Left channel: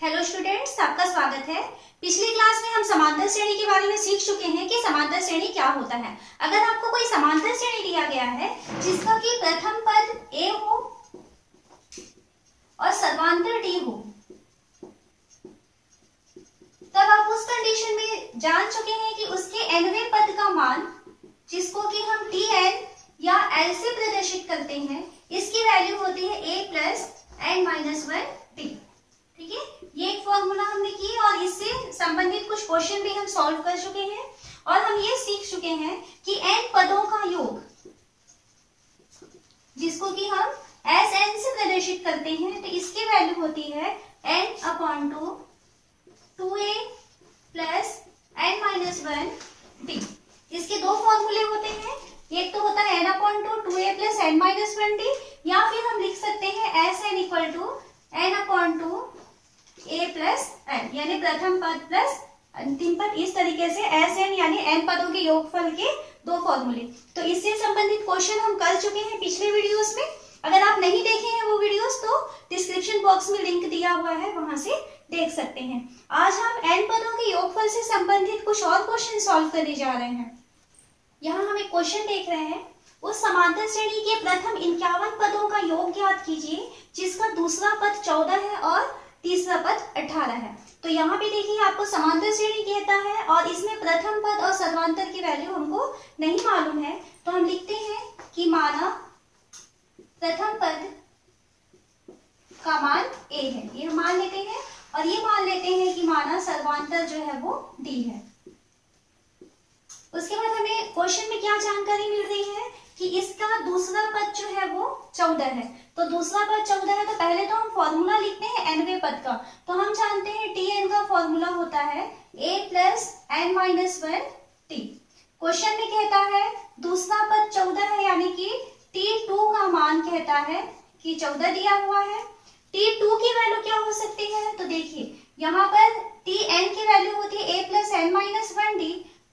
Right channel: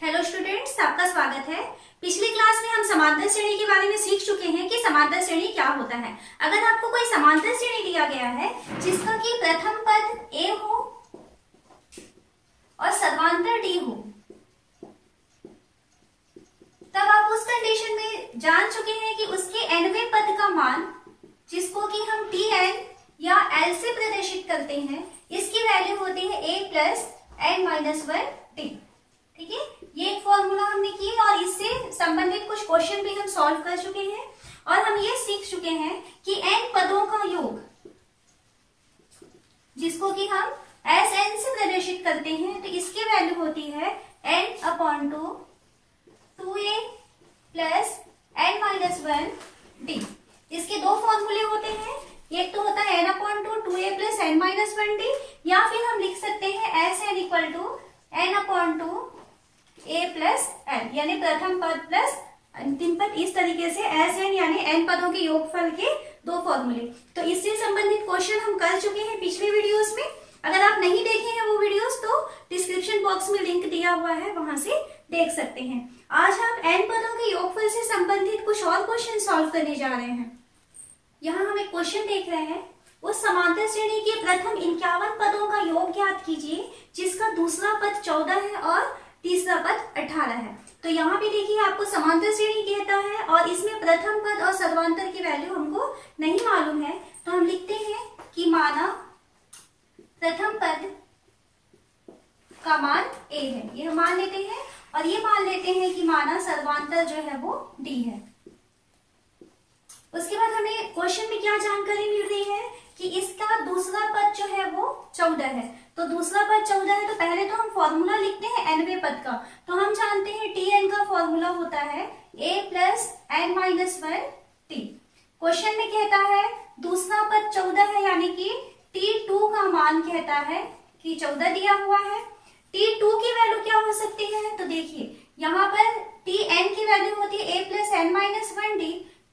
Hello students, आपका स्वागत है। पिछली क्लास में हम समांतर श्रेणी के बारे में सीख चुके हैं कि समांतर श्रेणी क्या होता है। अगर आपको कोई समांतर श्रेणी दिया गया है जिसका कि प्रथम पद a हो और सर्वांतर d हो, तब आप उस कंडीशन में जान चुके हैं कि उसके nवें पद का मान, जिसको कि हम tn या l से प्रदर्शित करते हैं, इसकी वैल्यू होती है a प्लस n-1t। ठीक है, ये एक फॉर्मूला हमने की और इससे संबंधित कुछ क्वेश्चन भी हम सॉल्व कर चुके हैं और हम ये सीख चुके हैं कि n पदों का योग, जिसको कि हम Sn से प्रदर्शित करते हैं, तो इसकी वैल्यू होती है n/2 2a प्लस n-1t। इसके दो फॉर्मूले होते हैं, एक तो होता है n/2 2a प्लस n-1t, या फिर हम लिख सकते हैं Sn equal to n/2 a plus n, यानी प्रथम पद प्लस अंतिम पद। इस तरीके से Sn यानी n पदों के योगफल के दो फॉर्मूले। तो इससे संबंधित क्वेश्चन हम कर चुके हैं पिछले वीडियोस में। अगर आप नहीं देखे हैं वो वीडियोस तो डिस्क्रिप्शन बॉक्स में लिंक दिया हुआ है, वहां से देख सकते हैं। आज हम n पदों के योगफल से संबंधित कुछ और क्वेश्चन सॉल्व करने जा रहे हैं। यहाँ हम एक क्वेश्चन देख रहे हैं, उस समांतर श्रेणी के प्रथम 51 पदों का योग ज्ञात कीजिए जिसका दूसरा पद 14 है और तीसरा पद 18 है। तो यहाँ पे देखिए आपको समांतर श्रेणी कहता है और इसमें प्रथम पद और सर्वांतर की वैल्यू हमको नहीं मालूम है, तो हम लिखते हैं कि माना प्रथम पद का मान a है, ये हम मान लेते हैं, और ये मान लेते हैं कि माना सर्वांतर जो है वो d है। उसके बाद हमें क्वेश्चन में क्या जानकारी मिल रही है कि इसका दूसरा पद जो है वो 14 है। तो दूसरा पद 14 है, तो पहले तो हम फॉर्मूला लिखते हैं nवें पद का। तो हम जानते हैं tn का फॉर्मूला होता है a प्लस n-1t। क्वेश्चन में कहता है दूसरा पद 14 है, यानी कि t2 का मान कहता है कि 14 दिया हुआ है। t2 की वैल्यू क्या हो सकती है, तो देखिए यहाँ पर tn की वैल्यू होती है a प्लस n-1t,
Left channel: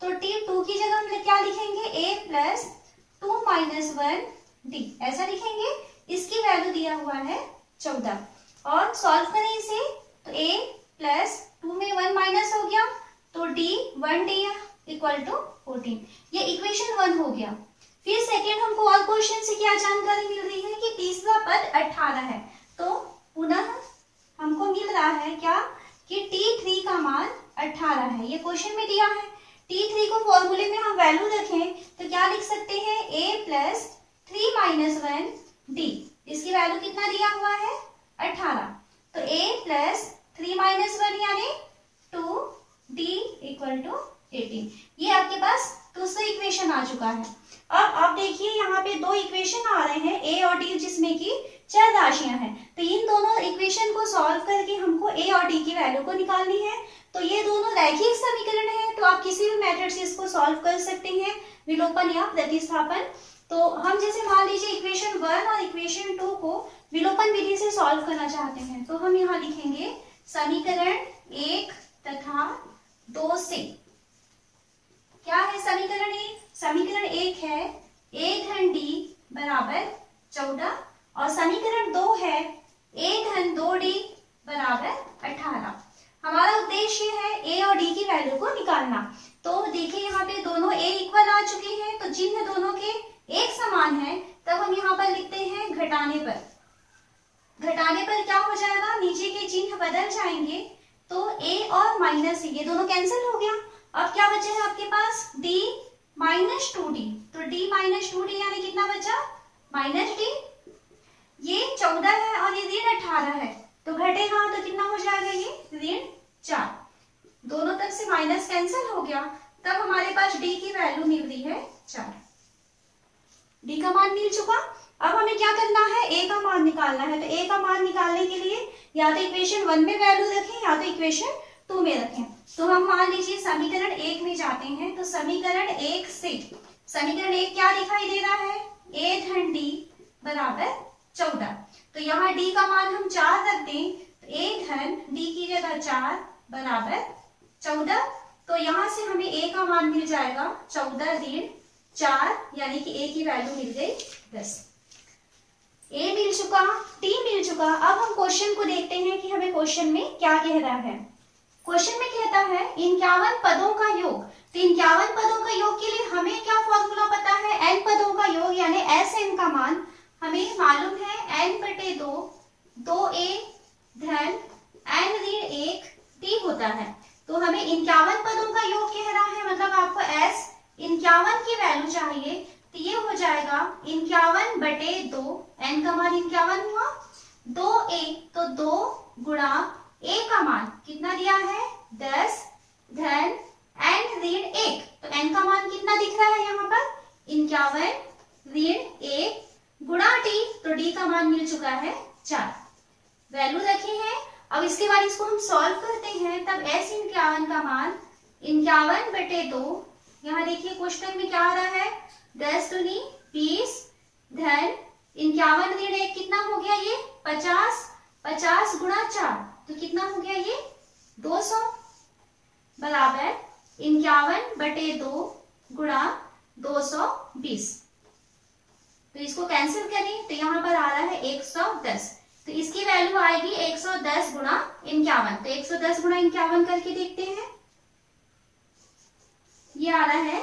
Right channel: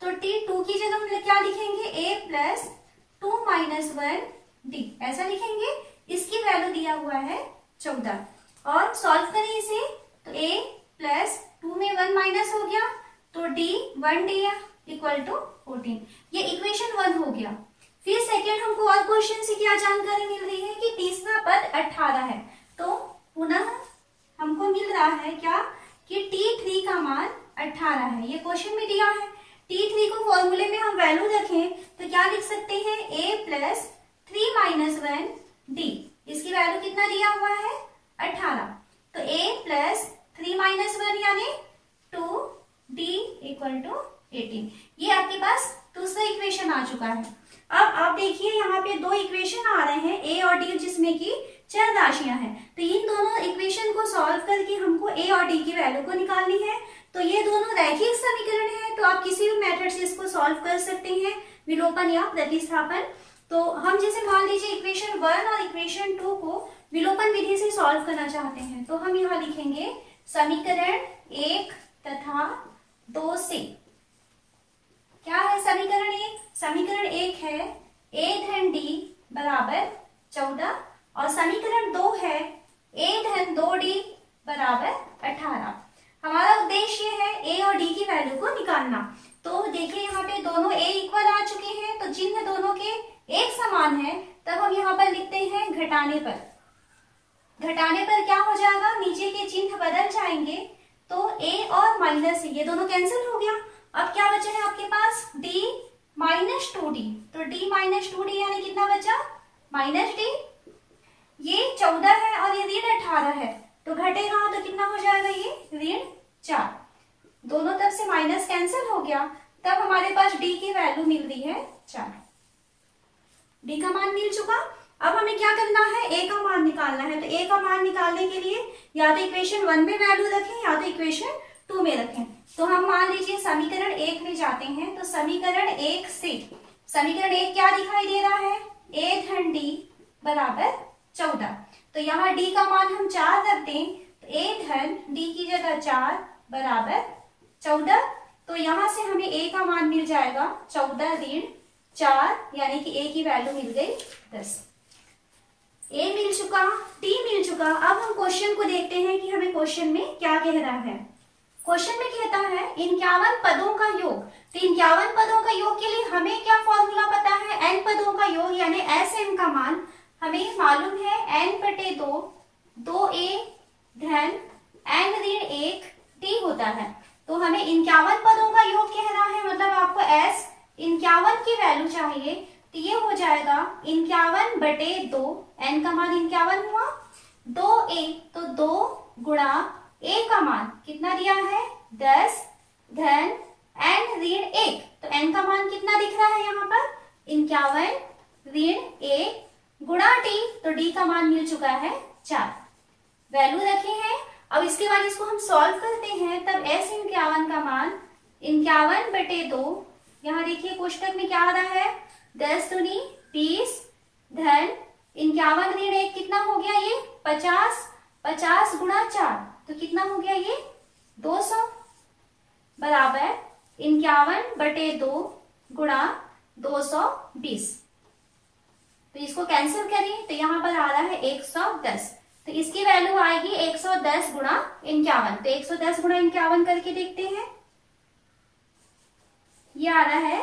तो t2 की जगह हम क्या लिखेंगे a प्लस 2-1d, ऐसा लिखेंगे। इसकी वैल्यू दिया हुआ है 14 और सॉल्व करें इसे, तो a प्लस 2 में 1 माइनस हो गया, तो d 1d इक्वल टू 14। ये इक्वेशन 1 हो गया। फिर सेकेंड हमको और क्वेश्चन से क्या जानकारी मिल रही है कि तीसरा पद 18 है, तो पुनः हमको मिल रहा है क्या कि t3 का मान 18 है, ये क्वेश्चन में दिया है। t3 को फॉर्मूले में हम वैल्यू रखें तो क्या लिख सकते हैं a प्लस 3-1d, इसकी वैल्यू कितना दिया हुआ है 18, तो a प्लस 3-1 यानी 2d इक्वल टू 18। ये आपके पास दूसरा इक्वेशन आ चुका है। अब आप देखिए यहाँ पे दो इक्वेशन आ रहे हैं a और d, जिसमें कि चर राशियां हैं। तो इन दोनों इक्वेशन को सॉल्व करके हमको a और d की वैल्यू को निकालनी है। तो ये दोनों रैखिक समीकरण है, तो आप किसी भी मेथड से इसको सॉल्व कर सकते हैं, विलोपन या प्रतिस्थापन। तो हम जैसे मान लीजिए इक्वेशन 1 और इक्वेशन 2 को विलोपन विधि से सॉल्व करना चाहते हैं, तो हम यहाँ लिखेंगे समीकरण 1 तथा 2 से। क्या है समीकरण 1? समीकरण 1 है a धन d बराबर 14 और समीकरण 2 है a धन 2d बराबर 18। हमारा उद्देश्य है a और d की वैल्यू को निकालना। तो देखिए यहाँ पे दोनों a इक्वल आ चुके हैं, तो चिन्ह दोनों के एक समान है, तब हम यहाँ पर लिखते हैं घटाने पर। घटाने पर क्या हो जाएगा, नीचे के चिन्ह बदल जाएंगे, तो a और माइनस ये दोनों कैंसिल हो गया। अब क्या बचा है आपके पास d माइनस 2d, तो d माइनस 2d यानी कितना बचा -d। ये 14 है और ये ऋण 18 है, तो घटेगा तो कितना हो जाएगा, ये ऋण 4। दोनों तरफ से माइनस कैंसिल हो गया, तब हमारे पास d की वैल्यू मिल रही है 4। d का मान मिल चुका। अब हमें क्या करना है, a का मान निकालना है। तो a का मान निकालने के लिए या तो इक्वेशन 1 में वैल्यू रखें या तो इक्वेशन 2 में रखें। तो हम मान लीजिए समीकरण 1 में जाते हैं, तो समीकरण 1 से समीकरण 1 क्या दिखाई दे रहा है, a धन d बराबर 14। तो यहाँ d का मान हम 4 रख दें, तो a धन d की जगह 4 बराबर 14। तो यहाँ से हमें a का मान मिल जाएगा 14 ऋण 4, यानी कि a की वैल्यू मिल गई 10। ए मिल चुका, टी मिल चुका। अब हम क्वेश्चन को देखते हैं कि हमें क्वेश्चन में क्या कह रहा है। क्वेश्चन में कहता है 51 पदों का योग। तो 51 पदों का योग के लिए हमें क्या फॉर्मूला पता है, n पदों का योग यानी एस एन का मान हमें मालूम है n बटे 2, 2a धन n ऋण 1 t होता है। तो हमें 51 पदों का योग कह रहा है, मतलब आपको s 51 की वैल्यू चाहिए। तो ये हो जाएगा 51 बटे 2, n का मान 51 हुआ, 2a तो 2 गुणा a का मान कितना दिया है 10 धन n ऋण 1। तो n का मान कितना दिख रहा है यहाँ पर 51 ऋण 1 गुणा t, तो d का मान मिल चुका है 4। वैल्यू रखे हैं। अब इसके बाद इसको हम सॉल्व करते हैं, तब s 51 का मान 51 बटे 2, यहाँ देखिए कोष्टक में क्या आ रहा है 10 दूनी 20 धन 51 ऋण 1 कितना हो गया ये 50, 50 गुणा 4 तो कितना हो गया ये 200 बराबर 51 बटे 2 गुणा 220। तो इसको कैंसिल करें तो यहाँ पर आ रहा है 110। तो इसकी वैल्यू आएगी 110 गुणा 51। तो 110 गुणा 51 करके देखते हैं, ये आ रहा है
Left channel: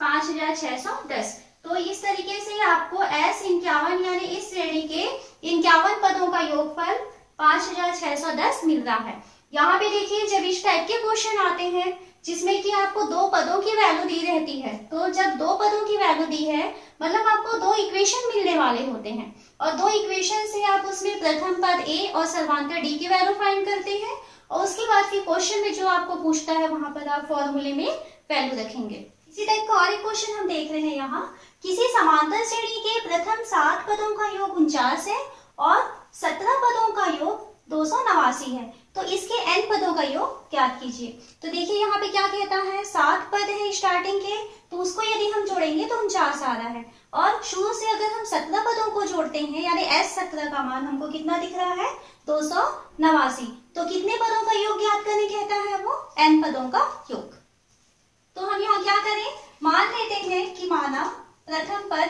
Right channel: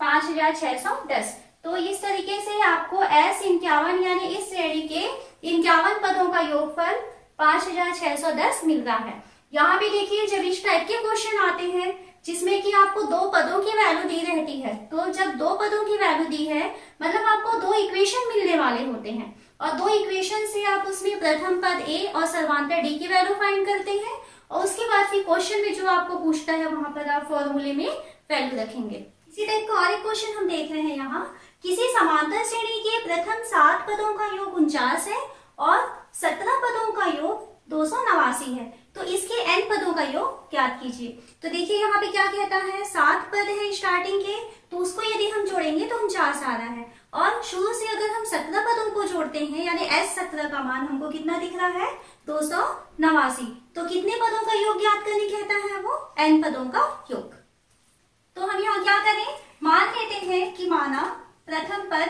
5610। तो इस तरीके से आपको S 51 यानी इस श्रेणी के 51 पदों का योगफल 5610 मिल रहा है। यहाँ पे देखिए जब इस टाइप के क्वेश्चन आते हैं जिसमें कि आपको 2 पदों की वैल्यू दी रहती है, तो जब 2 पदों की वैल्यू दी है मतलब आपको 2 इक्वेशन मिलने वाले होते हैं और 2 इक्वेशन से आप उसमें प्रथम पद A और सर्वांतर D की वैल्यू फाइंड करते हैं और उसके बाद फिर क्वेश्चन में जो आपको पूछता है वहां पर आप फॉर्मूले में वैल्यू रखेंगे। इसी टाइप का और एक क्वेश्चन हम देख रहे हैं यहाँ, किसी समांतर श्रेणी के प्रथम 7 पदों का योग 49 है और 17 पदों का योग 289 है, तो इसके n पदों का योग ज्ञात कीजिए। तो देखिए यहाँ पे क्या कहता है 7 पद है स्टार्टिंग के, तो उसको यदि हम जोड़ेंगे तो 49 आ रहा है और शुरू से अगर हम 17 पदों को जोड़ते हैं यानी S17 का मान हमको कितना दिख रहा है 289। तो कितने पदों का योग ज्ञात करने कहता है वो n पदों का योग। तो हम यहाँ क्या करें, मान लेते हैं कि माना प्रथम पद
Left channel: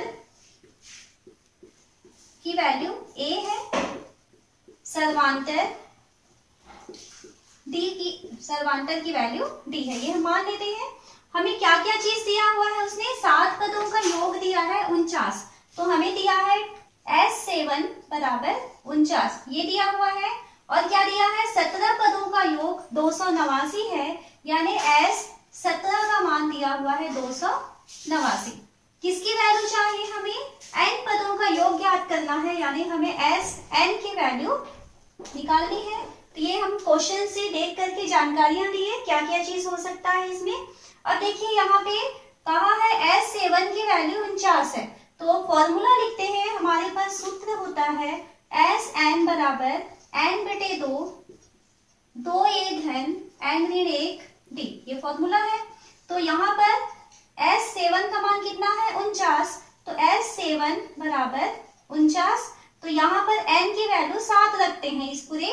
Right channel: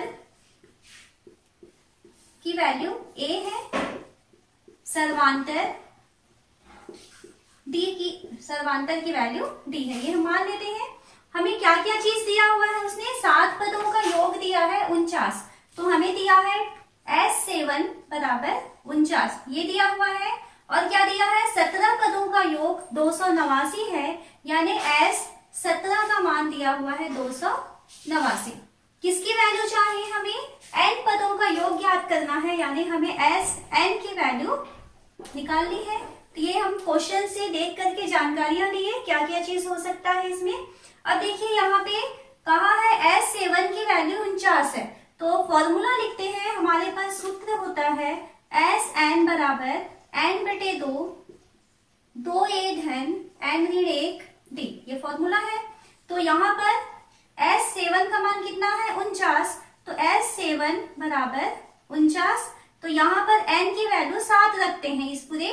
की वैल्यू a है, सर्वांतर की वैल्यू d है, ये हम मान लेते हैं। हमें क्या क्या चीज दिया हुआ है, उसने 7 पदों का योग दिया है 49, तो हमें दिया है S7 बराबर 49 ये दिया हुआ है और क्या दिया है 17 पदों का योग 289 है यानी S17 का मान दिया हुआ है 289। किसकी वैल्यू चाहिए, हमें n पदों का योग ज्ञात करना है यानी हमें Sn की वैल्यू निकालनी है। तो ये हम क्वेश्चन से देख करके जानकारियां दी है क्या क्या चीज हो सकता है इसमें। अब देखिए यहाँ पे कहा है S7 की वैल्यू 49 है, तो फॉर्मूला लिखते हैं। हमारे पास सूत्र होता है Sn बराबर n बटे 2, 2a धन n ऋण 1 d, ये फॉर्मूला है। तो यहाँ पर S7 का मान कितना है 49, तो S7 बराबर 49, तो यहाँ पर n की वैल्यू 7 रखते हैं इस पूरे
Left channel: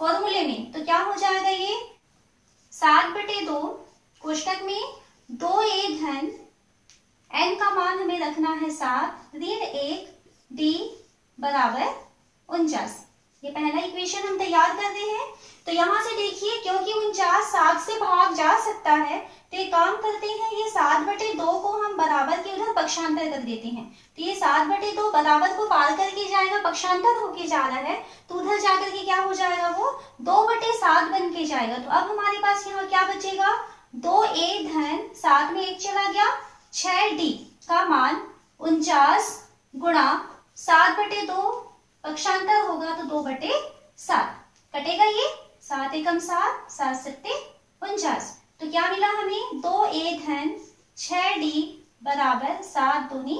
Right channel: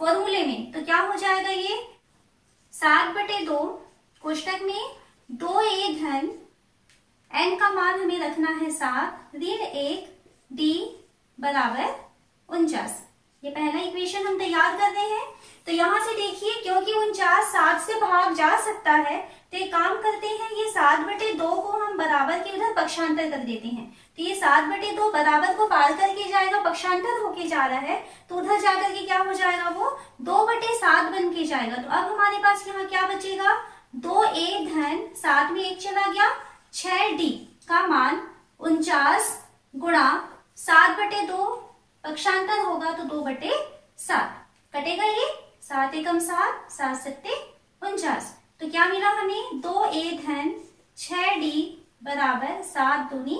फॉर्मूले में, तो क्या हो जाएगा ये 7 बटे 2 कोष्टक में 2a धन n का मान हमें रखना है 7 ऋण 1 d बराबर 49। ये पहला इक्वेशन हम तैयार कर रहे हैं। तो यहाँ से देखिए क्योंकि 49 7 से भाग जा सकता है, तो एक काम करते हैं ये 7 बटे 2 को हम बराबर के उधर पक्षांतर कर देते हैं। तो ये 7 बटे 2 बराबर को पार करके जाएगा, पक्षांतर होके जा रहा है, तो उधर जाकर के क्या हो जाएगा वो 2 बटे 7 बन के जाएगा। तो अब हमारे पास यहाँ क्या बचेगा 2a धन 7 में 1 चला गया 6d का मान 49 गुणा 7 बटे 2 पक्षांतर होगा तो 2 बटे 7 कटेगा, ये 7 एकम 7, 7 सत्ते 49। तो क्या मिला हमें 2a धन 6d बराबर 7 दूनी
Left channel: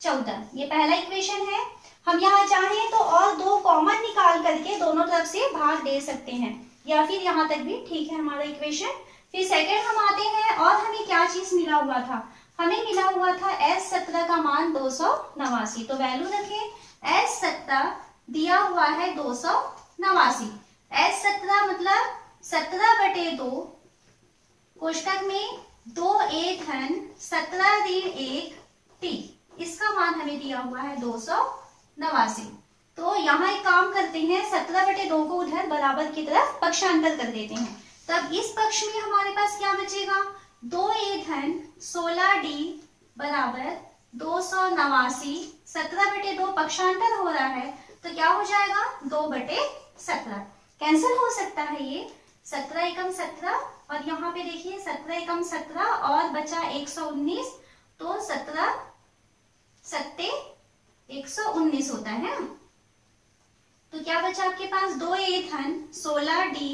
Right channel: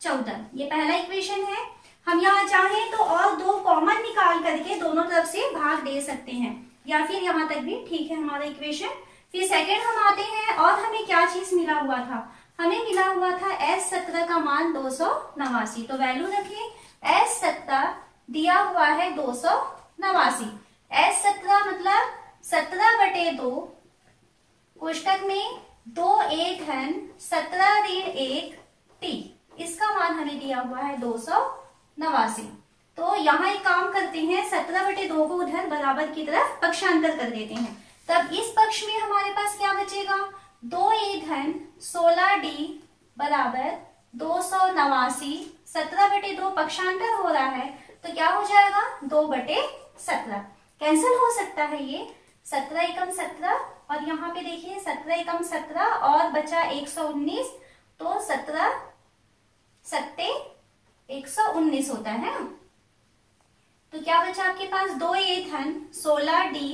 14। ये पहला इक्वेशन है। हम यहाँ चाहें तो और 2 कॉमन निकाल करके दोनों तरफ से भाग दे सकते हैं या फिर यहाँ तक भी ठीक है हमारा इक्वेशन। फिर सेकंड हम आते हैं और हमें क्या चीज मिला हुआ था, हमें मिला हुआ था S17 का मान 289। तो वैल्यू रखें S17 दिया हुआ है 289। S17 मतलब 17 बटे 2 कोष्टक में 2a धन 17 ऋण 1 t, इसका मान हमें दिया हुआ है 289। 89। तो यहाँ एक काम करते हैं, 17/2 को उधर बराबर की तरफ पक्षांतर कर देते हैं। तब इस पक्ष में हमारे पास क्या बचेगा, 2a धन 16d बराबर 289। 17/2 पक्षांतर हो रहा है तो क्या हो जाएगा, 2/17। कैंसिल हो सकता है ये, 17 एकम 17 और यहाँ पे देखिए 17 एकम 17 और बचा 119, तो 17 सत्ते 119 होता है। तो क्या बचा आपके पास, 2a धन 16d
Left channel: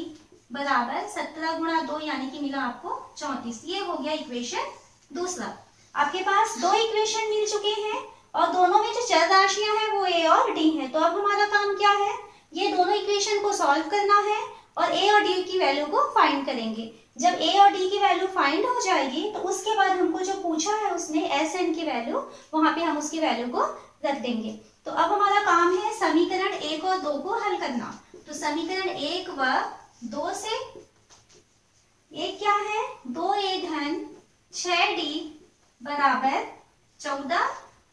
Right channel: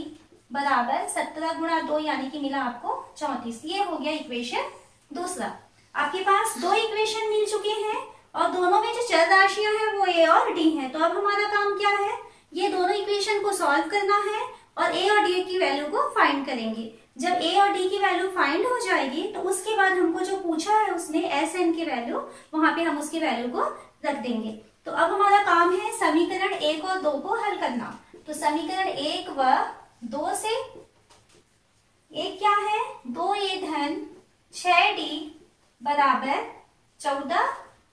बराबर 17 गुणा 2 यानी कि मिला आपको 34। ये हो गया इक्वेशन दूसरा। आपके पास दो इक्वेशन मिल चुके हैं और दोनों में जो चर राशियां हैं वो a और d हैं। तो अब हमारा काम क्या है, ये दोनों इक्वेशन को सॉल्व करना है और a और d की वैल्यू को फाइंड करेंगे। जब a और d की वैल्यू फाइंड हो जाएगी तो उसके बाद हमको जो पूछा है उसने s n की वैल्यू, वहां पे हम उसकी वैल्यू को रख देंगे। तो अब हमारा काम है समीकरण 1 और 2 को हल करना। तो समीकरण 1 व 2 से, एक क्या है, 2a धन 6d बराबर 14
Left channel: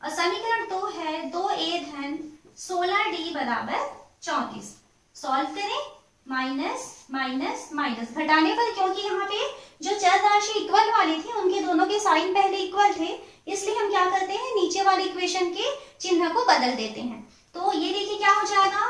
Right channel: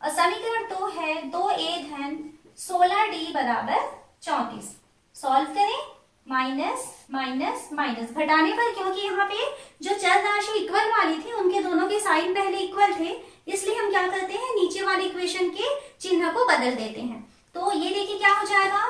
और समीकरण 2 है 2a धन 16d बराबर 34। सॉल्व करें, माइनस माइनस माइनस, घटाने पर क्योंकि यहाँ पे जो चर राशि इक्वल वाली थी उनके दोनों के साइन पहले इक्वल थे, इसलिए हम क्या करते हैं, नीचे वाले इक्वेशन के चिन्ह को बदल देते हैं। तो ये देखिए क्या हो जाएगा,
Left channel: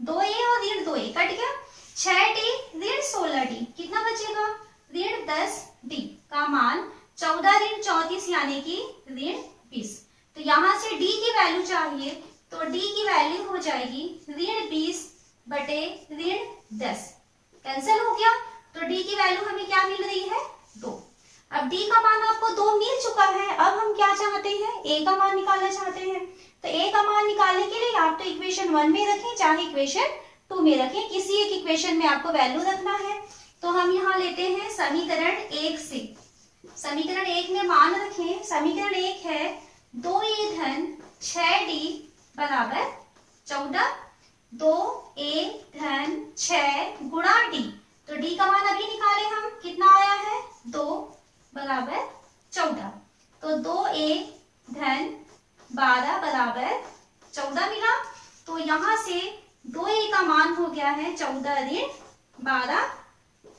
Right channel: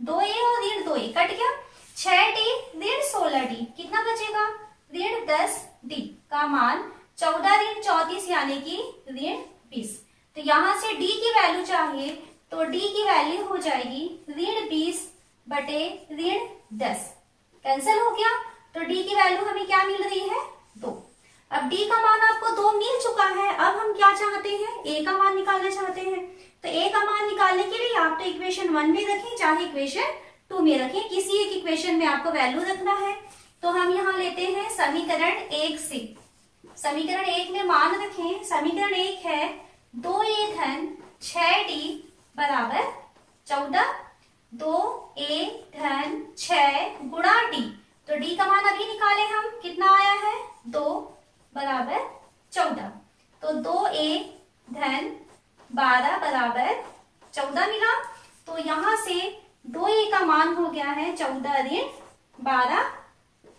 2a और ऋण 2a कट गया, 6d ऋण 16d कितना बचेगा, ऋण 10d का मान 14 ऋण 34 यानी कि ऋण 20। तो यहाँ से d की वैल्यू चाहिए तो d की वैल्यू हो जाएगी ऋण 20 बटे ऋण 10। कैंसिल हो गया, तो d की वैल्यू हमें क्या मिल रही है, 2। अब d का मान आपको 2 मिल चुका है, अब हम क्या चाहते हैं, a का मान निकालना चाहते हैं। तो a का मान निकालने के लिए आप तो इक्वेशन 1 में रखें चाहे इक्वेशन 2 में रखें, किसी एक इक्वेशन में आपको वैल्यू रखना है। तो हम यहाँ लेते हैं समीकरण 1 से, समीकरण 1 में मान रखें। समीकरण 1 है 2a धन 6d बराबर 14, 2a धन 6 गुणा d, तो d का मान अभी निकाले हम, कितना आया है, 2 बराबर 14। तो 2a धन 12 बराबर 14 मिला। तो यहाँ से 2a का मान हो गया है 14 ऋण 12,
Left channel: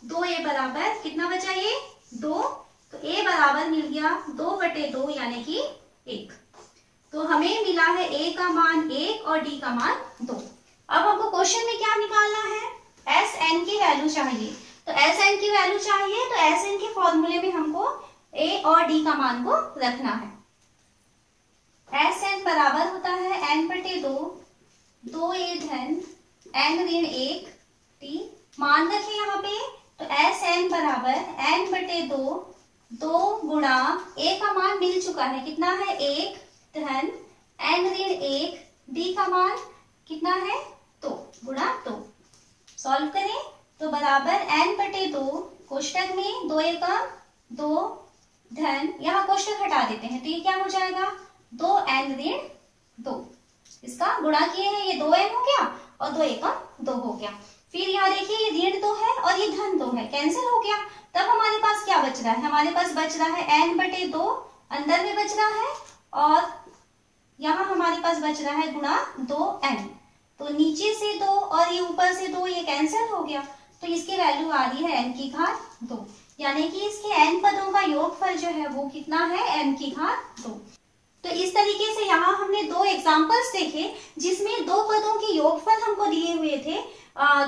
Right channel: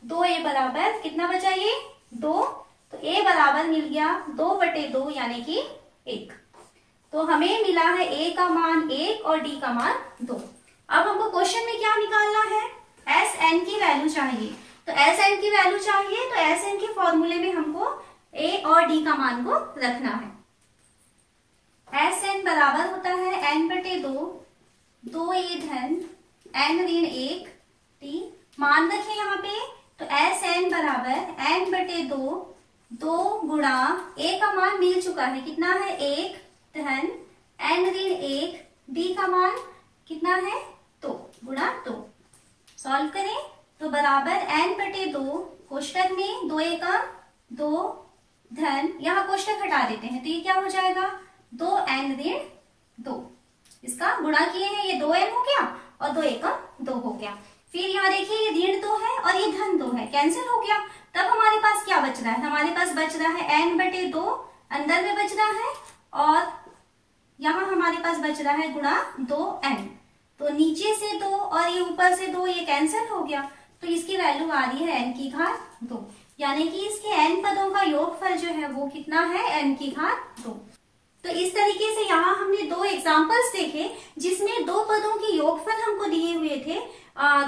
2a बराबर कितना बचा ये, 2। तो a बराबर मिल गया 2/2 यानी कि 1। तो हमें मिला है a का मान 1 और d का मान 2। अब हमको क्वेश्चन में क्या निकालना है, एस एन की वैल्यू चाहिए। तो एस एन की वैल्यू चाहिए तो एस एन के फॉर्मूले में हमको a और d का मान को रखना है। एस एन बराबर होता है n/2, 2a धन n ऋण 1 t, मान रखें यहाँ पे। तो एस एन बराबर n/2, 2 गुणा a का मान मिल चुका है, कितना है, 1 धन n ऋण 1, d का मान कितना है, 2 गुणा 2। सॉल्व करें तो बराबर n/2, कोष्टक में 2 एकम 2 धन, यहाँ कोष्टक हटा देते हैं तो ये क्या हो जाएगा, 2n ऋण 2, इसका गुणा किए हैं, ये 2n हो गया और 2 एकम 2 हो गया। फिर यहाँ देखिए ये ऋण 2 है और ये धन 2 है, कैंसिल हो गया। तब हमारे पास क्या बच रहा है, हमारे पास बच रहा है n/2 अंदर में बच रहा है और यहाँ हमारे पास बच रहा है गुणा 2n। तो नीचे से 2 और ये ऊपर से 2, ये कैंसिल हो गया। तो इसकी वैल्यू आ रही है n की घात 2, यानी कि इसके n पदों का योगफल जो है वो कितना है, n की घात 2। तो इस तरीके से यहाँ हमने 2 एग्जाम्पल्स देखे जिसमें 2 पदों के योगफल हमको दिए हुए थे।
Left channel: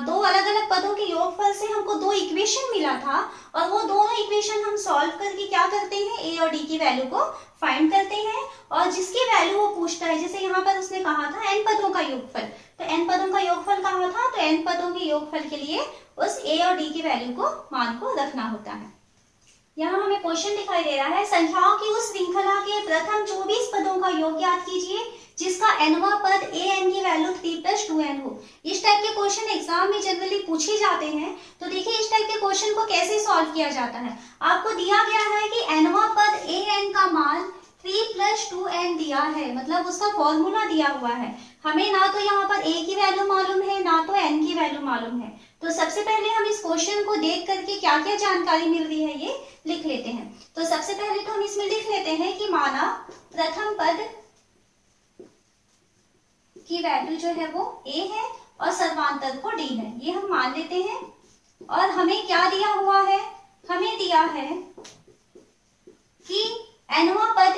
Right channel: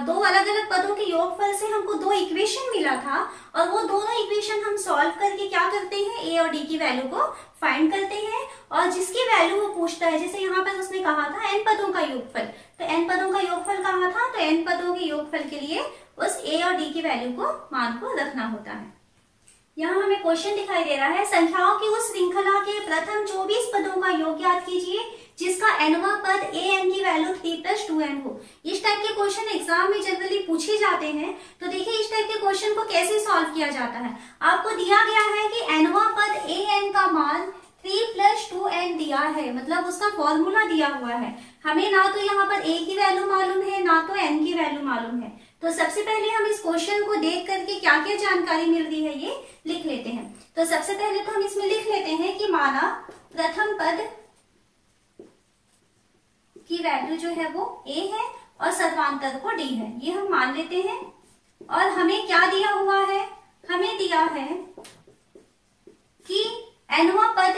2 अलग अलग पदों के योगफल से हमको 2 इक्वेशन मिला था और वो दोनों इक्वेशन हम सॉल्व करके क्या करते हैं, a और d की वैल्यू को फाइंड करते हैं और जिसकी वैल्यू वो पूछता है, जैसे यहाँ पर उसने कहा था n पदों का योगफल, तो n पदों का योगफल कहा था, तो n पदों के योगफल के लिए उस a और d की वैल्यू को, मान को रखना होता है। यहाँ हमें क्वेश्चन दिखाई दे रहा है, संख्याओं की उस श्रृंखला के प्रथम 24 पदों का योग ज्ञात कीजिए जिसका nवां पद an की वैल्यू 3+2n हो। इस टाइप के क्वेश्चन एग्जाम में जनरली पूछे जाते हैं। तो देखिए इस टाइप के क्वेश्चन को कैसे सॉल्व किया जाता है। आपको दिया गया है कि nवां पद an का मान 3+2n दिया है, मतलब उसका फॉर्मूला दिया हुआ है। हमें ना तो यहाँ पर a की वैल्यू मालूम है ना तो n की वैल्यू मालूम है। तो सबसे पहले हम इस क्वेश्चन को देख करके क्या क्या जानकारी मिल रही है ये लिख लेते हैं। तो सबसे पहले तो हम इसमें लिख लेते हैं कि माना प्रथम पद की वैल्यू जो है वो a है और सर्वांतर को d है, ये हम मान लेते हैं। और हमें क्या दिया हुआ है, हमें दिया है कि nवां पद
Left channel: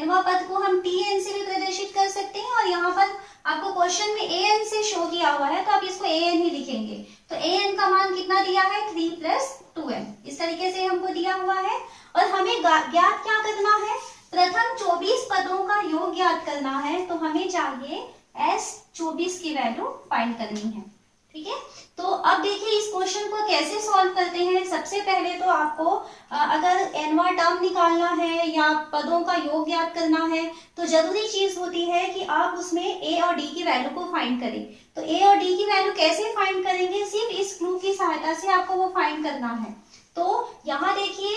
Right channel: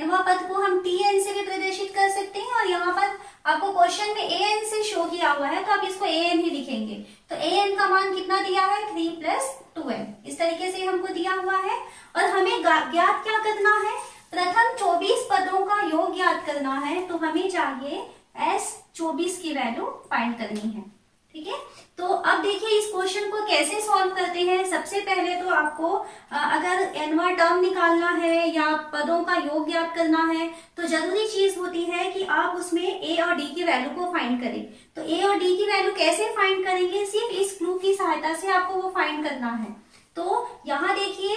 nवां पद को हम tn से भी प्रदर्शित कर सकते हैं, और यहाँ पर आपको क्वेश्चन में an से शो किया हुआ है तो आप इसको an ही लिखेंगे। तो an का मान कितना दिया है, 3 + 2n, इस तरीके से हमको दिया हुआ है। और हमें ज्ञात क्या करना है, प्रथम 24 पदों का योग ज्ञात करना है, तो हमें चाहिए S24 की वैल्यू फाइंड करनी है। ठीक है, तो अब देखिए इस क्वेश्चन को कैसे सॉल्व करते हैं। सबसे पहले तो आपको अगर nवां टर्म निकालना है या पदों का योग ज्ञात करना है तो जरूरी चीज होती है कि आप उसमें a और d की वैल्यू को फाइंड करें। तो a और d की वैल्यू कैसे फाइंड करेंगे, सिर्फ इस क्लू की सहायता से आपको वो फाइंड करना है। तो यहाँ देखिए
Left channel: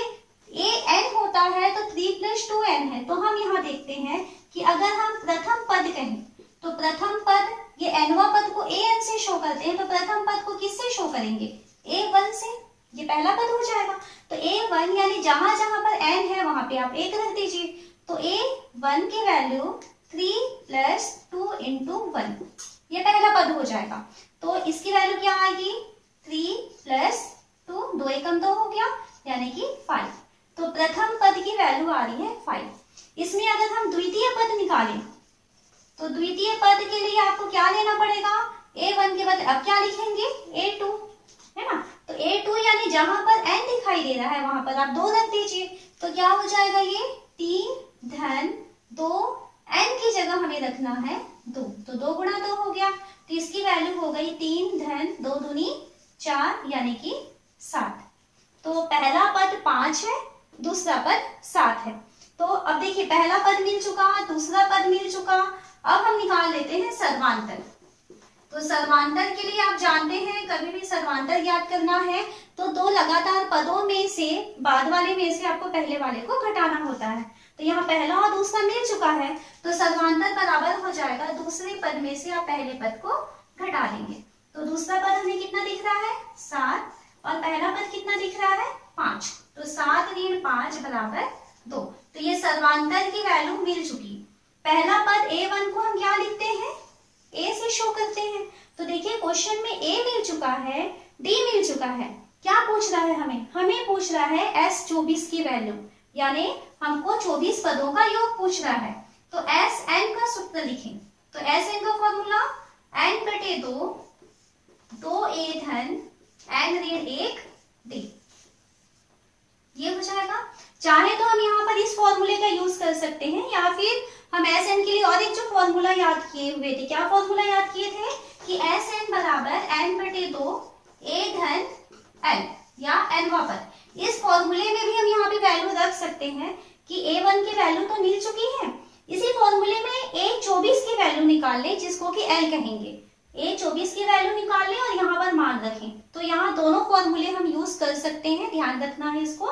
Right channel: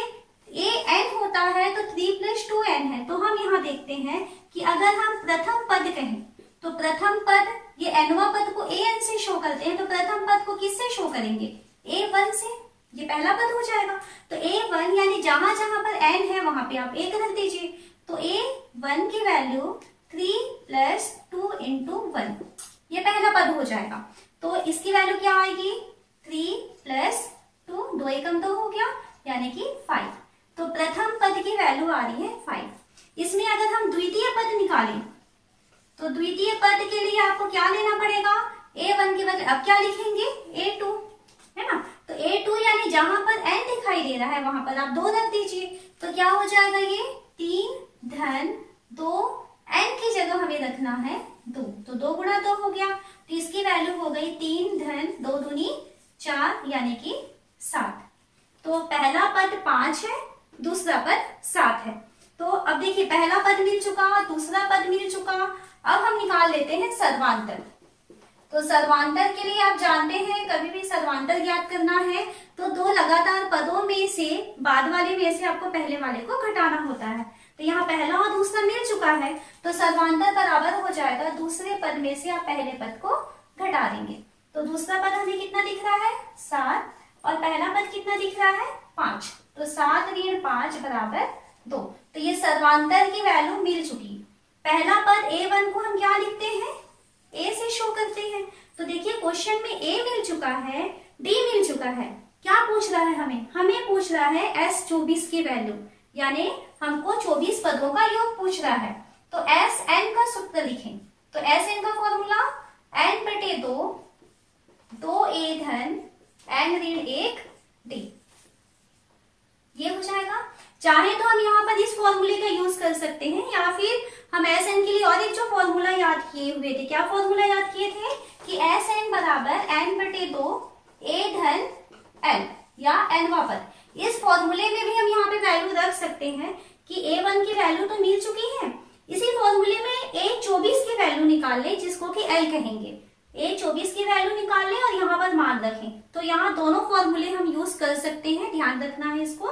a n होता है तो 3 + 2n है, तो हम यहाँ देखते हैं कि अगर हम प्रथम पद कहें तो प्रथम पद, ये nवां पद को an से शो करते हैं, तो प्रथम पद को किससे शो करेंगे, a1 से, ये पहला पद हो जाएगा। तो a1 यानी जहां जहां पर n है वहां पे आप 1 रख दीजिए। तो a1 की वैल्यू 3 + 2 × 1, ये पहला पद हो जाएगा। तो इसकी वैल्यू क्या आएगी, 3 + 2, 2 एकम 2 हो गया, यानी कि 5। तो प्रथम पद की वैल्यू आ रही है 5। इसमें अगर हम द्वितीय पद निकालें तो द्वितीय पद के लिए आपको क्या लेना पड़ेगा, a1 के बदले अब क्या लिखेंगे, a2, है ना। तो a2 यानी जहां पर n दिखाई दे रहा है वहां पर आप 2 रख दीजिए। तो क्या हो जाएगा, ये 3 + 2, n की जगह हमें रखना है 2, तो 2 × 2 हो गया। तो इसकी वैल्यू हो गई 3 + 2 = 4, यानी कि 7। तो पहला पद 5 है, दूसरा पद 7 है। तो अब देखिए पहला पद मिल चुका, दूसरा पद मिल चुका। अब हम निकाल लेते हैं सर्वांतर। तो सर्वांतर के लिए आप जानते हैं कभी भी सर्वांतर ज्ञात करना है तो 2 लगातार पदों में से बाद वाले में से आपको पहले वाले को घटाना होता है। तो यहाँ पहला और दूसरा मिल चुका है, तो सर्वांतर बराबर हो जाएगा दूसरे पद में से आप पहले पद को घटा देंगे। तो दूसरा पद हमें कितना दिख रहा है, 7, और पहला पद कितना दिख रहा है, 5। तो 7 - 5 = 2। तो ये सर्वांतर की वैल्यू मिल चुकी। पहला पद a1 को हम क्या लिखते हैं, a से शो करते हैं। तो देखिए क्वेश्चन में a मिल चुका है, d मिल चुका है, क्या पूछ रहा है हमें पूछ रहा है S24 की वैल्यू, यानी हमको 24 पदों का योग पूछ रहा है। तो Sn का सूत्र लिखें। तो Sn का formula n/2, 2a n - 1 d, ये हो जाएगा। चाहे तो हम यहाँ पर इस फॉर्मूले का यूज कर सकते हैं, या फिर हम Sn के लिए और एक जो फॉर्मूला याद किए हुए थे, क्या फॉर्मूला याद किए थे कि Sn = n/2 a n, या nवां पद। इस फॉर्मूले में भी हम यहाँ पे वैल्यू रख सकते हैं कि a1 की वैल्यू तो मिल चुकी है, इसी फॉर्मूले में a24 की वैल्यू निकाल लें, जिसको कि l कहेंगे। a24 की वैल्यू निकाल लें और यहाँ पर मान रखें। तो यहाँ दोनों फॉर्मूले हम यूज कर सकते हैं, ध्यान रखना है इसको।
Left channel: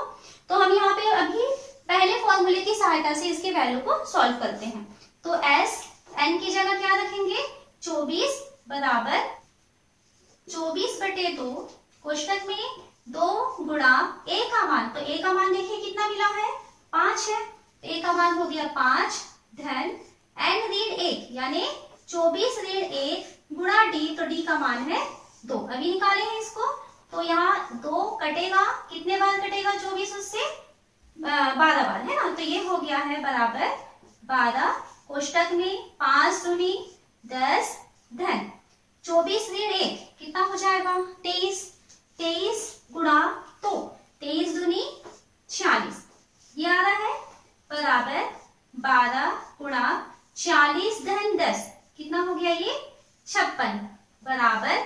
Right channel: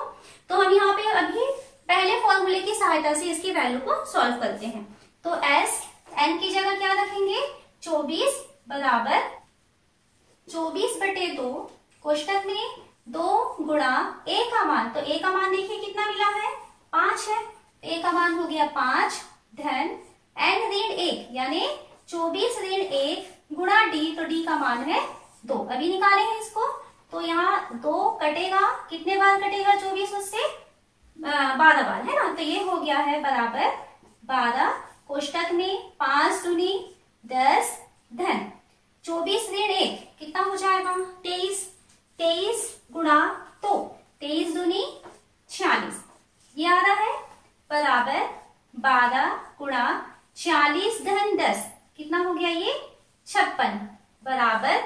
तो हम यहाँ पे अभी पहले फॉर्मूले की सहायता से इसकी वैल्यू को सॉल्व करते हैं। तो Sn की जगह क्या रखेंगे, 24 = 24/2 कोष्टक में 2 × a का मान। तो a का मान देखिए कितना मिला है, 5 है। a का मान हो गया 5 धन n ऋण 1, यानी 24 ऋण 1 गुणा d, तो d का मान है 2। अभी निकाले हैं इसको, तो यहाँ 2 कटेगा, कितने बार कटेगा, 24 उससे 12 बार, है ना। तो ये हो गया है बराबर 12 कोष्टक में 5 दूनी 10 धन 24 ऋण 1 कितना हो जाएगा, 23, 23 गुणा 2, 23 दूनी 46, ये आ रहा है बराबर 12 गुणा 40 धन 10, कितना हो गया ये 56, बराबर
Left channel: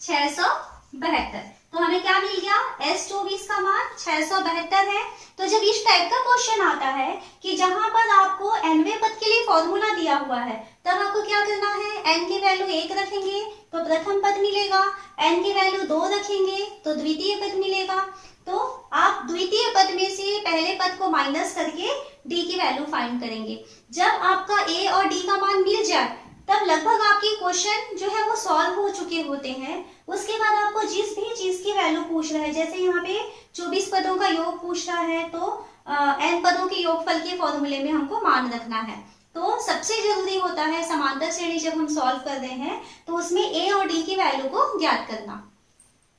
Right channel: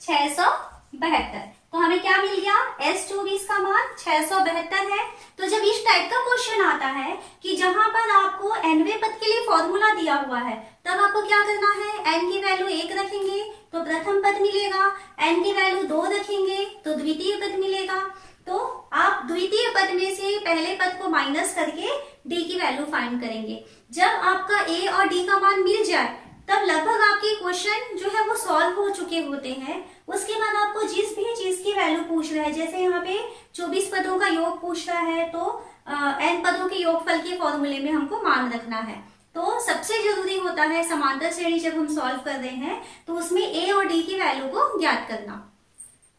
672। तो हमें क्या मिल गया, S24 का मान 672 है। तो जब इस टाइप का क्वेश्चन आता है कि जहां पर आपको nवें पद के लिए फॉर्मूला दिया हुआ है, तब आपको क्या करना है, n की वैल्यू 1 रखेंगे तो प्रथम पद मिलेगा, n की वैल्यू 2 रखेंगे तो द्वितीय पद मिलेगा। तो आप द्वितीय पद में से पहले पद को माइनस करके d की वैल्यू फाइंड करेंगे। जब आपका a और d का मान मिल जाए तब लगभग आपकी क्वेश्चन जो है वो सॉल्व हो चुके होते हैं। उसके बाद आपको जिस भी चीज की वैल्यू पूछ रहा है, जैसे यहाँ पे 24 पदों का योग पूछ रहा है, तो n पदों के योगफल के फॉर्मूले में हमको मान रखना है। तो सबसे जरूरी होता है समांतर श्रेणी जब हम सॉल्व कर रहे हैं तो उसमें ए और डी की वैल्यू को ज्ञात करना।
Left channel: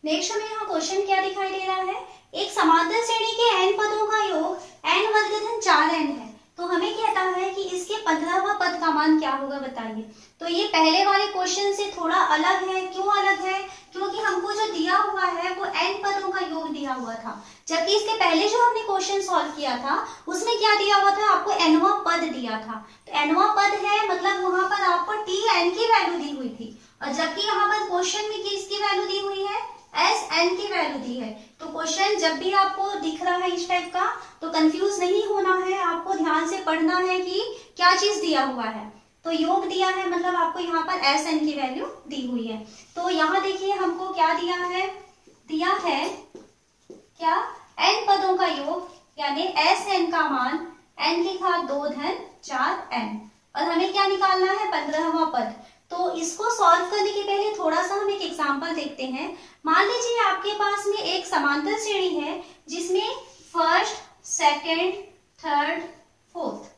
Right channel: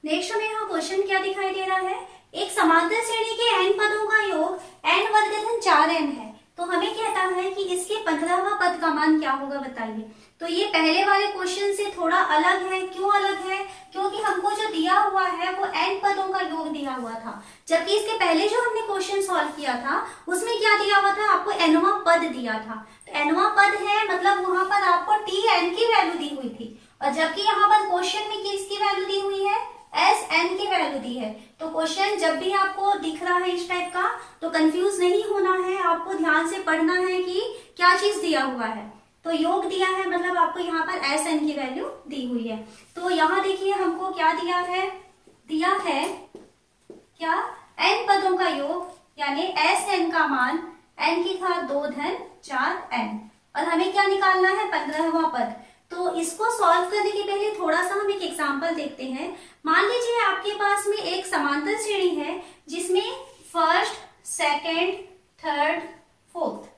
नेक्स्ट हमें यहाँ क्वेश्चन क्या दिखाई दे रहा है, एक समांतर श्रेणी के n पदों का योग n वर्ग धन 4n है, तो हमें कहता है कि इसके 15वां पद का मान क्या होगा बताइए। तो ये पहले वाले क्वेश्चन से थोड़ा अलग है। क्यों अलग है? क्योंकि हमको जो दिया हुआ है वो n पदों का योग दिया हुआ था, जबकि इसके पहले जो हमने क्वेश्चन सॉल्व किया था उसमें क्या दिया हुआ था, आपको nवां पद दिया था। तो nवां पद है मतलब वहां पर आपको tn की वैल्यू दी हुई थी, और जबकि यहाँ पर क्वेश्चन में किसकी वैल्यू दी हुई है, Sn की वैल्यू दी है। तो क्वेश्चन जब भी आपको दिख रहा है इस टाइप का तो कंफ्यूज नहीं होना है, आपको ध्यान से पढ़ना है कि क्या चीज दिया हुआ है। तो योग दिया है मतलब आपको यहाँ पर Sn की वैल्यू दी हुई है। तो यहाँ देखिए हमको क्या दिया है क्या, n पदों का योग यानी Sn का मान n की घात 2 धन 4n, और हमें क्या निकालना है, 15वां पद। तो इसको सॉल्व करने के पहले थोड़ा सा हम एक एग्जांपल देखते हैं। मान लीजिए आपके पास में एक समांतर श्रेणी है जिसमें फर्स्ट, सेकंड, थर्ड, फोर्थ,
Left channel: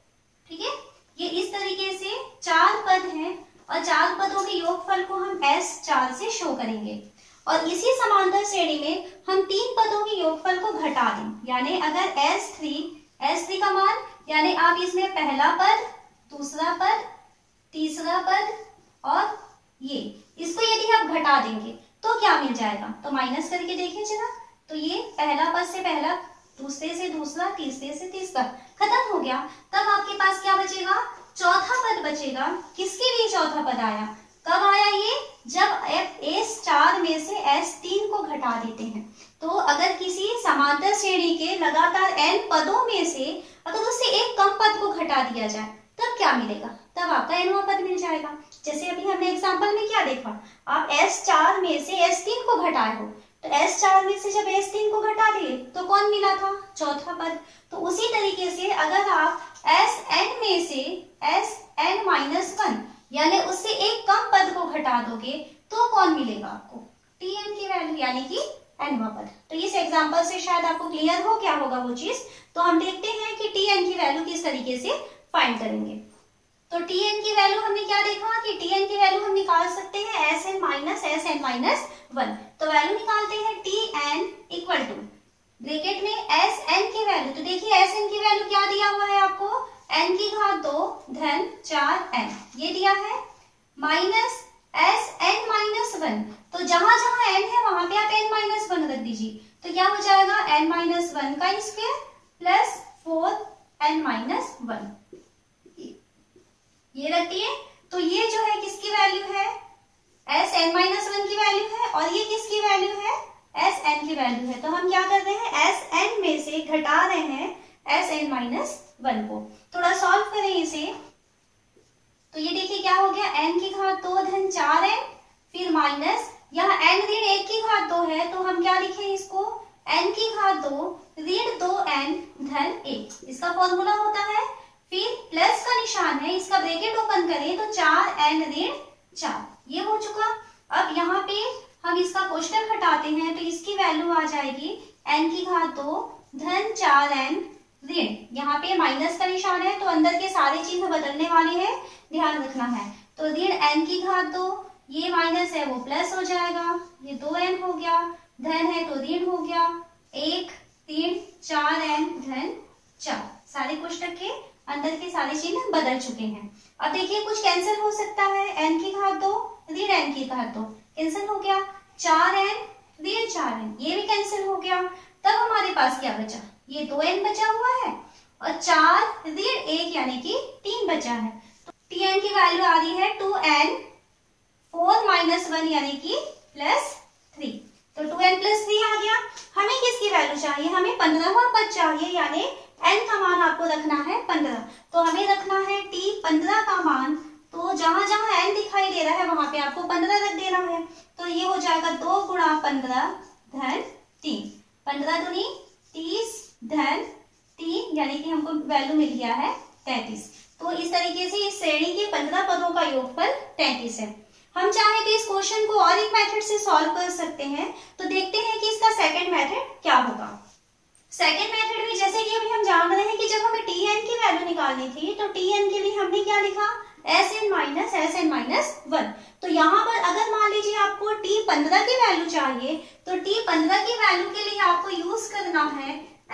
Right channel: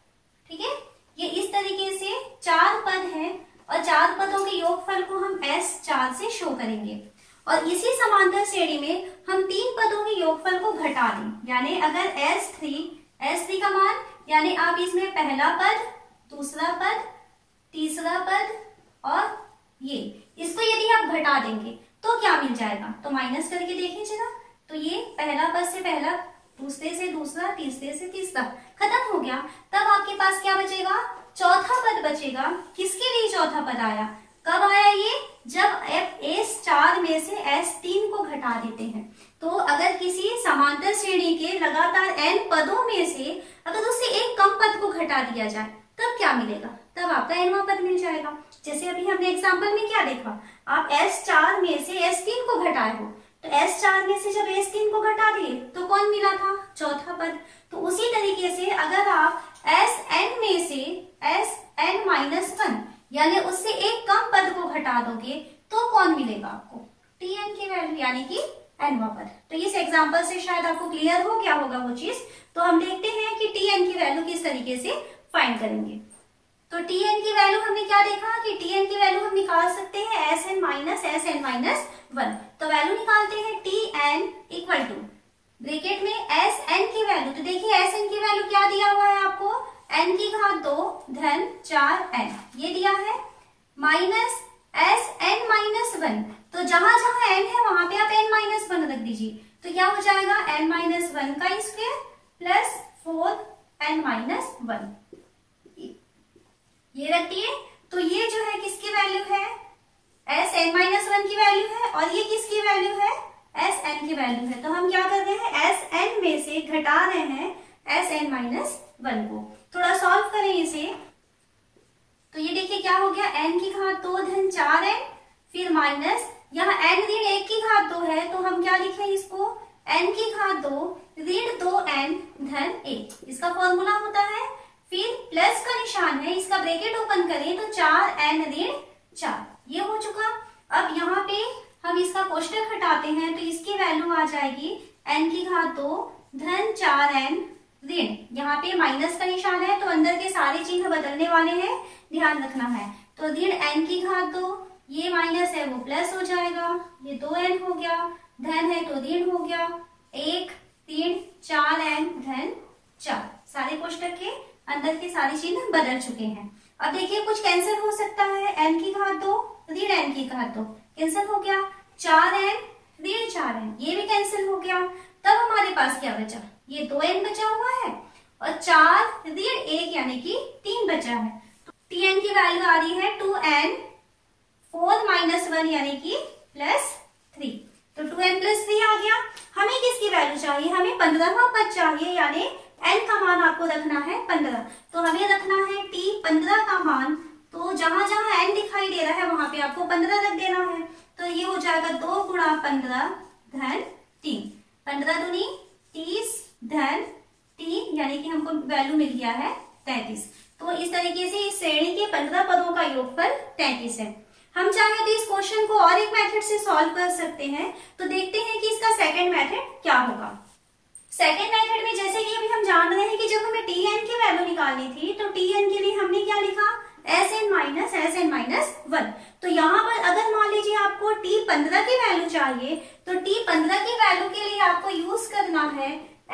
ठीक है, ये इस तरीके से 4 पद हैं और 4 पदों के योगफल को हम S4 से शो करेंगे। और इसी समांतर श्रेणी में हम 3 पदों के योगफल को घटा दें, यानी अगर S3 का मान यानी आप इसमें पहला पद, दूसरा पद, तीसरा पद और ये, इसको यदि आप घटा देंगे तो क्या मिल जाएगा, तो माइनस करके देखिए जरा। तो ये पहला पद से पहला, दूसरे से दूसरा, तीसरे से तीसरा खत्म हो गया। तब आपके पास क्या बचेगा, चौथा पद बचेगा। किसके लिए चौथा पद आया, कब आया ये, जब S4 में से S3 को घटा देते हैं। तो अगर किसी समांतर श्रेणी के लगातार n पदों में से अगर उससे एक कम पद को घटा दिया जाए तब क्या मिलेगा, तब आपका nवां पद मिल जाएगा। जैसे अभी हमने एग्जांपल में क्या देखा, आप S4 में से S3 को घटाए हो, तो S4 में से जब S3 को घटा दिए तो कौन मिला था, चौथा पद। तो उसी तरीके से अगर आप Sn में से Sn-1 यानी उससे एक कम पद को घटा दोगे तो कौन मिलेगा आपको, Tn की वैल्यू यानी कि nवां पद। तो इस एग्जांपल से शायद आपको क्लियर हो गया होगा वो चीज। तो हम देखते हैं कि Tn की वैल्यू किस तरीके से फाइंड करेंगे। तो Tn की वैल्यू हमने क्या देखा कि Tn की वैल्यू हम निकाल सकते हैं Sn-1। तो वैल्यू निकालते हैं Tn इक्वल टू ब्रैकेट में Sn की वैल्यू। तो देखिए Sn की वैल्यू क्या दिया हुआ है आपको, n की घात 2 धन 4n ये दिया है, माइनस Sn-1। तो जहां जहां n है वहां पे आप n-1 रख दीजिए। तो क्या हो जाएगा, n-1 का स्क्वायर प्लस 4n-1 ये रखती है। तो ये जो है किसकी वैल्यू है, Sn-1 की वैल्यू है, और ये किसकी वैल्यू है, Sn की वैल्यू है। तो हम क्या कर रहे हैं, Sn में से घटा रहे हैं Sn-1 को। थोड़ा सॉल्व करें इसे, तो ये देखिए क्या हो गया, n की घात 2 धन 4n, फिर माइनस यहाँ n ऋण 1 की घात 2 है तो हम क्या लिखें इसको, n की घात 2 ऋण 2n धन 1, इसका फॉर्मूला होता है। फिर प्लस का निशान है, इसका ब्रैकेट ओपन करें तो 4n ऋण 4 ये हो चुका। अब यहाँ पे हम इसका कोष्टक हटाते हैं तो इसकी वैल्यू आ जाएगी n की घात 2 धन 4n ऋण, यहाँ पे माइनस का निशान है तो अंदर के सारे चिन्ह बदलने वाले हैं, ध्यान रखना है। तो ऋण n की घात 2, ये माइनस है वो प्लस हो जाएगा, ये 2n हो गया, धन है तो ऋण हो गया, 1 3 4n धन 4, सारे कोष्टक के अंदर के सारे चिन्ह बदल चुके हैं। अब देखिए कुछ कैंसिल हो सकता है, n की घात 2 ऋण n की घात 2 कैंसिल हो गया, 4n ऋण 4n ये भी कैंसिल हो गया। तब हमारे पास क्या बचा, ये 2n बचा हुआ है और 4 ऋण 1 यानी कि 3 बचा है। तो Tn की वैल्यू आ रही है 2n 4-1 यानी कि +3। तो 2n + 3 आ गया। हमें किसकी वैल्यू चाहिए, हमें 15वां पद चाहिए, यानी n का मान आपको रखना है 15। तो हमें रखना है T15 का मान, तो जहां जहां n दिखाई दे रहा है वहां पे आपको 15 रख देना है। तो ये हो जाएगा 2 × 15 धन 3, 15 दूनी 30 धन 3 यानी कि हमको वैल्यू मिल गया है 33। तो इस तरीके से इस श्रेणी के 15 पदों का योगफल 33 है। हम चाहे तो इस क्वेश्चन को और एक मेथड से सॉल्व कर सकते हैं। तो देखते हैं कि इसका सेकंड मेथड क्या होगा। सेकेंड मेथड में जैसे कि अभी हम जान रहे हैं कि जब हमें टी एन की वैल्यू निकालनी थी तो टी एन के लिए हमने क्या लिखा, एस एन माइनस 1। तो यहाँ पर अगर मान लीजिए आपको टी 15 की वैल्यू चाहिए तो टी 15 की वैल्यू के लिए आपको यूज करना है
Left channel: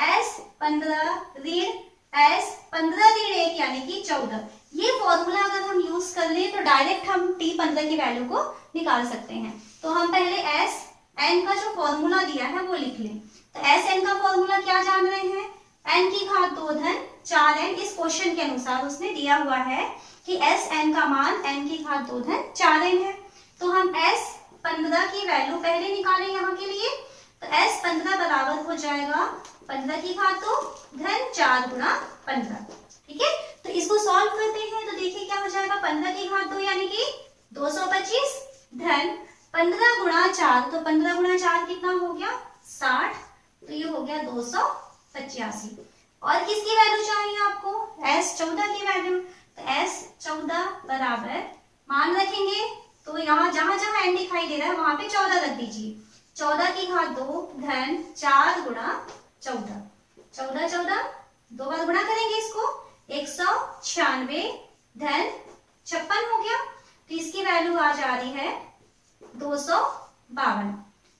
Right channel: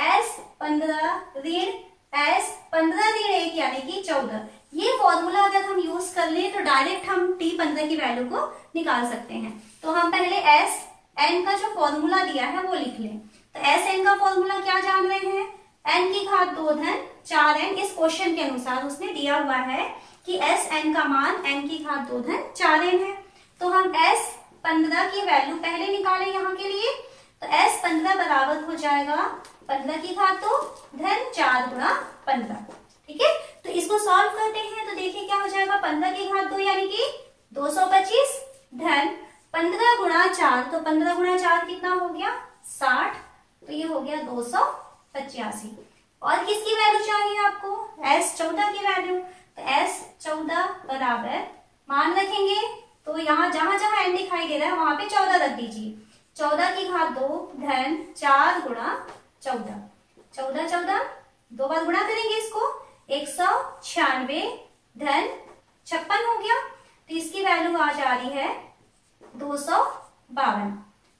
एस 15 ऋण एस 15 ऋण 1 यानी कि 14। ये फॉर्मूला अगर हम यूज कर ले तो डायरेक्ट हम टी 15 की वैल्यू को निकाल सकते हैं। तो हम पहले एस एन का जो फॉर्मूला दिया है वो लिख लें। तो एस एन का फॉर्मूला क्या जान रहे हैं, एन की घात 2 धन 4n। इस क्वेश्चन के अनुसार उसने दिया हुआ है कि एस एन का मान n की घात 2 धन 4n है। तो हम एस 15 की वैल्यू पहले निकालें यहाँ के लिए। तो एस 15 बराबर हो जाएगा 15 की घात 2 धन 4 गुणा 15। ठीक है, तो इसको सॉल्व करते हैं तो देखिए क्या हो जाएगा, 15 की घात 2 यानी कि 225 धन 15 गुणा 4। तो 15 गुणा 4 कितना हो गया, 60। तो ये हो गया 285। और किसकी वैल्यू चाहिए आपको, एस 14 की वैल्यू। तो एस 14 बराबर मान रखेंगे तो यहाँ जहां जहां एन दिखाई दे रहा है वहां पे 14 रख दीजिए। 14 की घात 2 धन 4 गुणा 14। 14 14 दो बार गुणा करेंगे इसको, 196 धन 56 हो गया। तो इसकी वैल्यू आ जा रही है 252।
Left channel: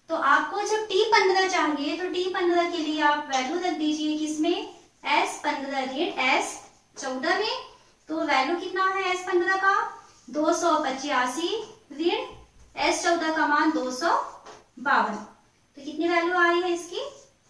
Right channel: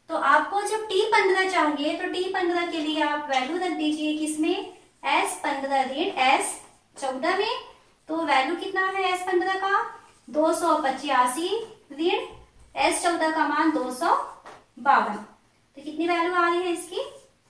तो आपको जब टी 15 चाहिए तो टी 15 के लिए आप वैल्यू रख दीजिए किसमें, एस 15 ऋण एस 14 में। तो वैल्यू कितना है एस 15 का, 285 ऋण एस 14 का मान 252। तो कितनी वैल्यू आ रही है इसकी,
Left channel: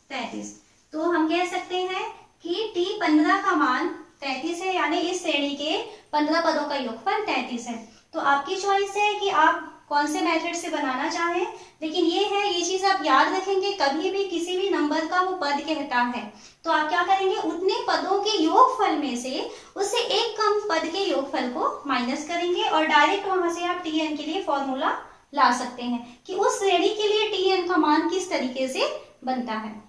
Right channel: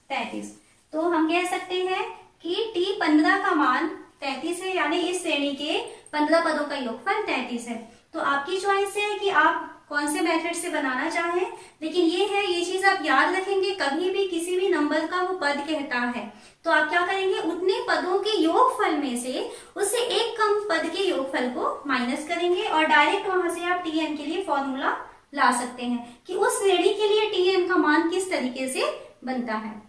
33। तो हम कह सकते हैं कि टी 15 का मान 33 है, यानी इस श्रेणी के 15 पदों का योगफल 33 है। तो आपकी चॉइस है कि आप कौन से मेथड से बनाना चाहें, लेकिन ये चीज आप याद रखेंगे, कभी भी किसी भी नंबर का वो पद कहता है तो आप क्या करेंगे, उतने पदों के योगफल में से उससे एक कम पद के योगफल को माइनस करेंगे और डायरेक्ट वहां से आप टी एन के लिए फॉर्मूला ला सकते हैं कि उस श्रेणी के लिए टी एन का मान किस तरीके से बनता है।